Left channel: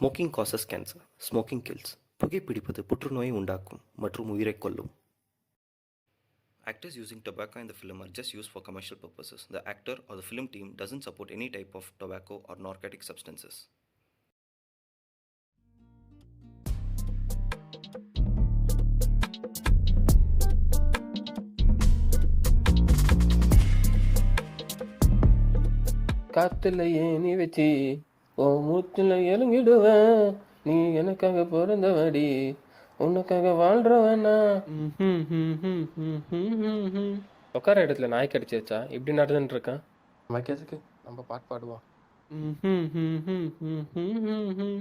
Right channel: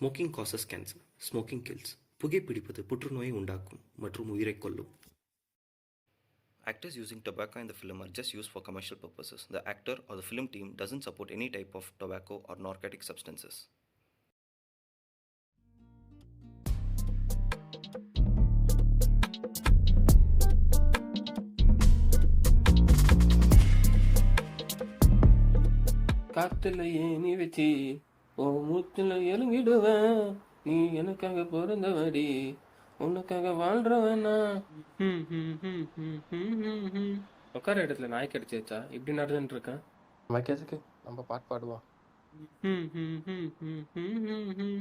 Smoking causes cancer. Smoking kills. புகைப்பிடிப்பது புற்றுநோயை உண்டாக்கும் மற்றும் உயிரைக் கொல்லும். Actors using tobacco in the film are just used for commercial purposes. The actor or the film team doesn't support any type of tobacco or narcotic substances. காத்துல ஏணி வச்சு ஓ மூத்துல எழுங்கிடுவேன், நீ எனக்காக பிறந்தவடி, உனக்காக வாழ்றவனா. உட்கார இடத்துல நாய் கடிச்சிருச்சா? இப்படி நடந்துட்டு இருக்கான். வைக்கிறதுக்கு நம்ம பாட்டு பாடுவோம்.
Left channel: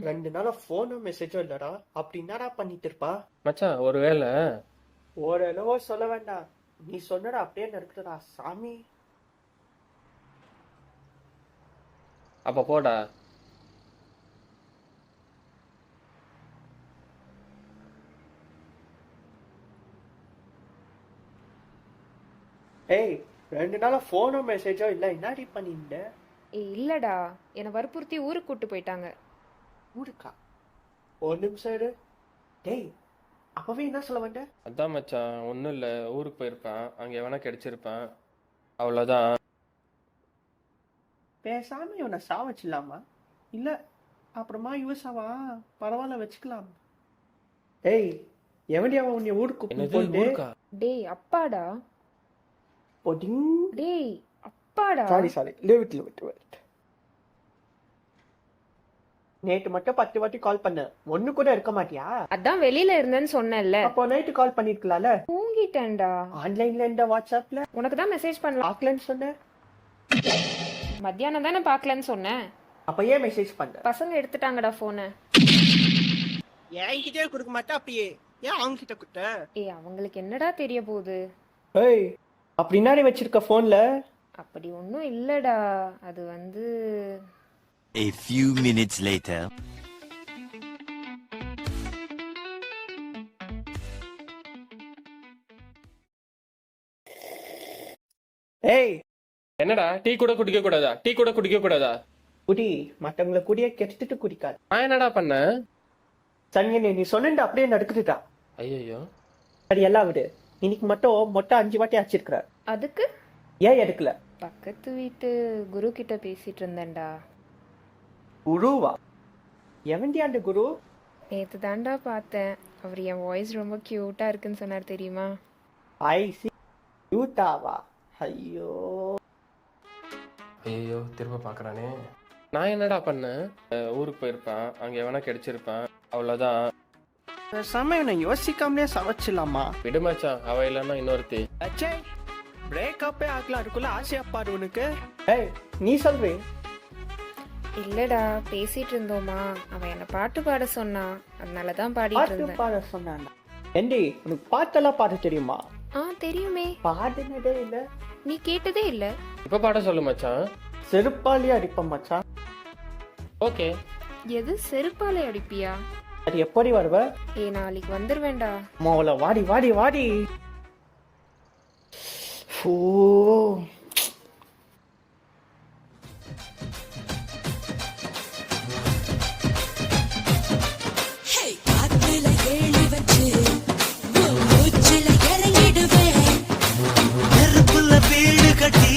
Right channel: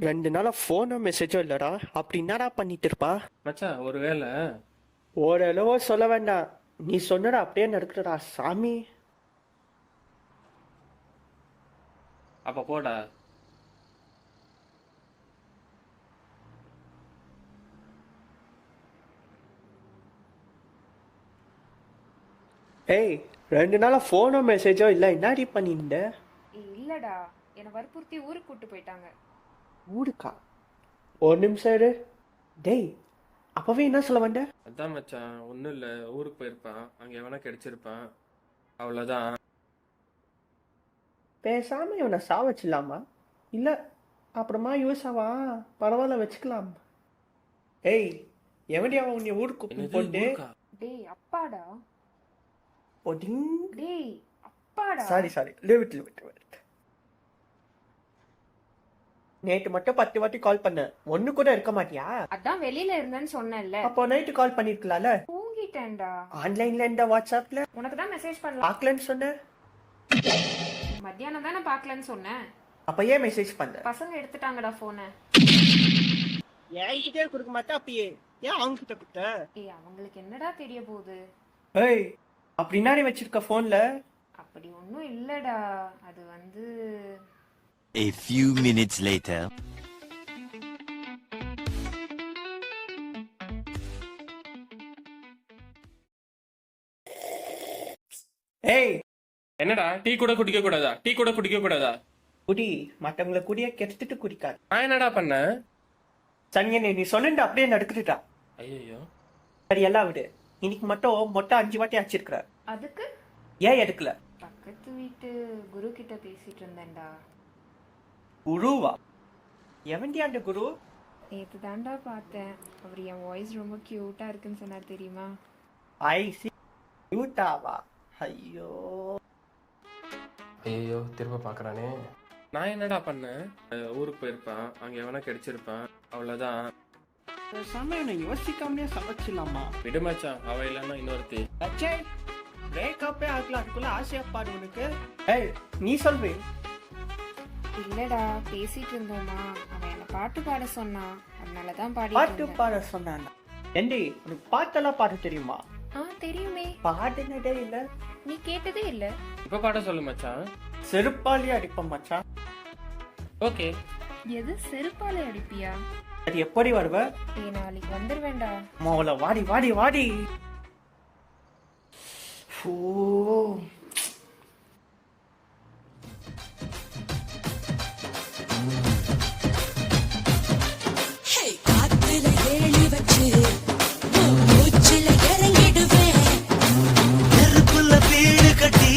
2 நாளா ஃபோனோ மெசேஜோ இல்லடா. அப்படி என்னடா பண்ணிட்டு இருப்பா? மச்சான் ஒருவேளை ஓரளவோ சொல்ல வேண்டாம், நீ சொன்னடா அப்படியே நடக்குதுடா சாமி. அப்ப போடா. ஏய் 2 நாளா ஃபோனோ மெசேஜோ இல்லை, என்னடி பண்ணிருந்த? இல்லடா, என்னை வற்புறுத்தி ஊருக்கு கூட்டு போயிட்டாங்க. ஊருக்கா? ஒரு நிமிஷம் இரு. டேய் அப்பவே என்ன சொல்ல வந்த? அதான் மச்சான், ஒன்றும் இல்லை, ஊருக்கு போயிருப்பான், அங்கே எவனா கிடைச்சிருப்பான், அவ்வளோதான். பேசாம இவனை சாவச்சிடலாமா? இல்லை அப்புறமா யூஸ் ஆவா, பரவாயில்ல வச்சுக்கலாம். ஏய் எவன்டி அவன் உன்னை ஊருக்கு போட்டு? டேய் அப்பாடா. ஒடிங். டேய் அப்பாடா. Sorry leave it. நேற்று மட்டும் 10 வாட்டி கால் பண்ண, ஒண்ணு கூட இருக்க மாட்டியா? அதான் வெளியில இருந்தேன்னு சொன்னேன்ல. அப்போ நைட்டு கால் பண்ணிருக்கலாம்ல. தூங்கிட்டேன்டா. ஆன்லைன்ல இந்த வாட்ஸ்அப்ல உனக்கு தான் மெசேஜ் பண்ணல. பார்க்கலன்னு சொன்ன. மத்தியானம் தானே பார்க்கலன்னு சொன்னேன். அப்ப ஏன் மெசேஜ் பண்ண? பசங்க எடுத்துட்டாங்கடா போனை. என்கிட்டே கொடுக்க மாட்டா, அப்படியே ஏன் அவங்க கிட்ட கொடுத்த? ஏய் அவங்களுக்கு என்னடா தெரிய போகுது? ஏய் அப்படின்னா நீ வச்சிருக்க போன்ல? அப்படி ஒன்றும் இல்லடா, அது வந்து. A few minutes later. ஏய் என்னடா, டீ கூட குடிக்க கூடாதா? குடி, மற்றவங்களை குடிய கெடுத்துட்டு குடிக்காது. நான் என்னடா பண்ண? சனியனே நீ சொன்ன அப்படியே நடக்குதுடா. ஐயோ சரி எல்லாம் விடு, இன்னைக்கு மட்டும் மொட்டை 5 வாட்டி அடிச்சிருக்கிற. அதுக்கு ஏன் எடுக்கல? பக்கத்து வீட்டு குரு கிட்ட பேசிட்டு இருந்தேன்டா. குருவா? எவன்டி அந்த குரு? நேத்து தாண்டா பார்த்தேன். அவர் என் வாய்ஸ் ரொம்ப கியூட்டா இருக்குன்னு சொன்னார் தெரியுமா? ஐ சி. யூட்டாவா? ஐயோ திரும்ப பார்க்கறானே. நான் என்னடா பண்ணேன்? ஊருக்கு போயிருப்பான், அங்கே எவனா கிடைச்சிருப்பான், அவ்வளோதான். சமயம் யோசிக்காமலே சமைச்சிடலாமா? விடுமாச்சான், அவ இல்லாம இன்னொருத்தி. அச்சே பிரேக்கப்பே ஆகலாம், அதுக்குள்ள ஆசையா பாரு உனக்கு. ஏய் நீ சொல்வே. இல்லடா, பேசிட்டு இருந்தோமா, அவன் என்ன பாட்டு பாட சொன்னான், அதனாலதான் பாடிட்டு பாட்டு இருந்தேன். பாட சொன்னான்? ஏண்டி உனக்கு பாட்டெல்லாம் பாட தெரியுமா? தெரியுமே. பாடுனதே இல்ல. நீ கேட்டதே இல்ல. இப்ப பாட சொல்லு மச்சான். செருப்பாலே அடிப்பேன் மச்சான். ஓகே. எது செருப்பாலே அடிப்பியா? அது எப்படி வருவ? நாளைக்கு வந்துருவேண்டா. மோல வாடி. ஓ நெருப்புல வீடு கட்டி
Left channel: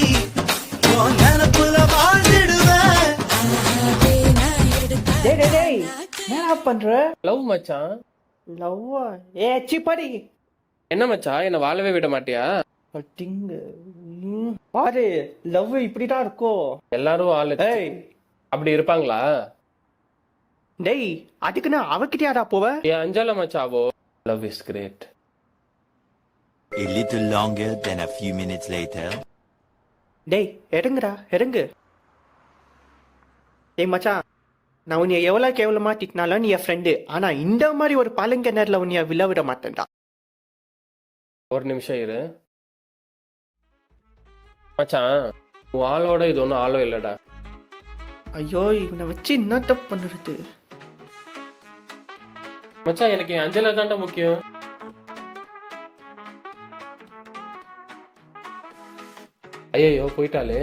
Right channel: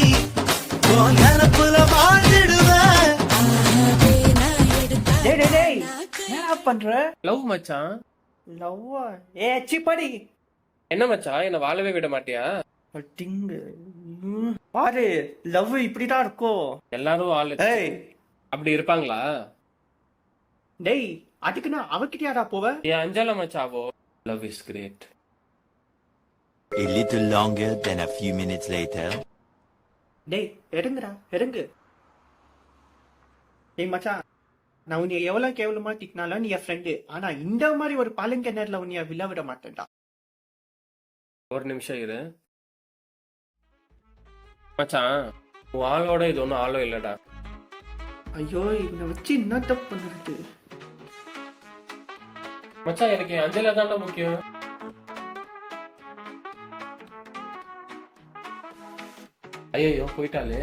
நெருப்புல வாழ்ந்துடுவேன். என்ன பண்ற? லவ் மச்சான். லவ்வா? ஏ சிப்படி. என்ன மச்சான், என்ன வாழவே விட மாட்டியா? பாரு லவ் இப்படிதான் இருக்கும். எல்லாரும் ஆளு ஏய் அப்படி இருப்பாங்களா? டேய் அதுக்குன்னு அவகிட்டயாடா போவ? அஞ்சால மச்சாவோ. Love is great. A little longer than a few minutes later. டேய் எடுங்கு. டேய் மச்சான், நான் உன்னை எவ்வளவு கேவலமா திட்டினாலும் நீ என் ஃப்ரெண்டு. ஆனா இந்த மாதிரி ஒரு பாலுங்க நேரில் உன்னைய விழ விட மாட்டேன்டா. ஒரு நிமிஷம் இரு மச்சான், உன் ஆளோட இது ஒன்றும் ஆளோ இல்லடா. ஐயோ இவனை வச்சு என்ன தப்பு பண்ணுறது? மச்சான் எனக்கு அஞ்சலா தாண்டா முக்கியம். ஐயோ போயிட்டாலே.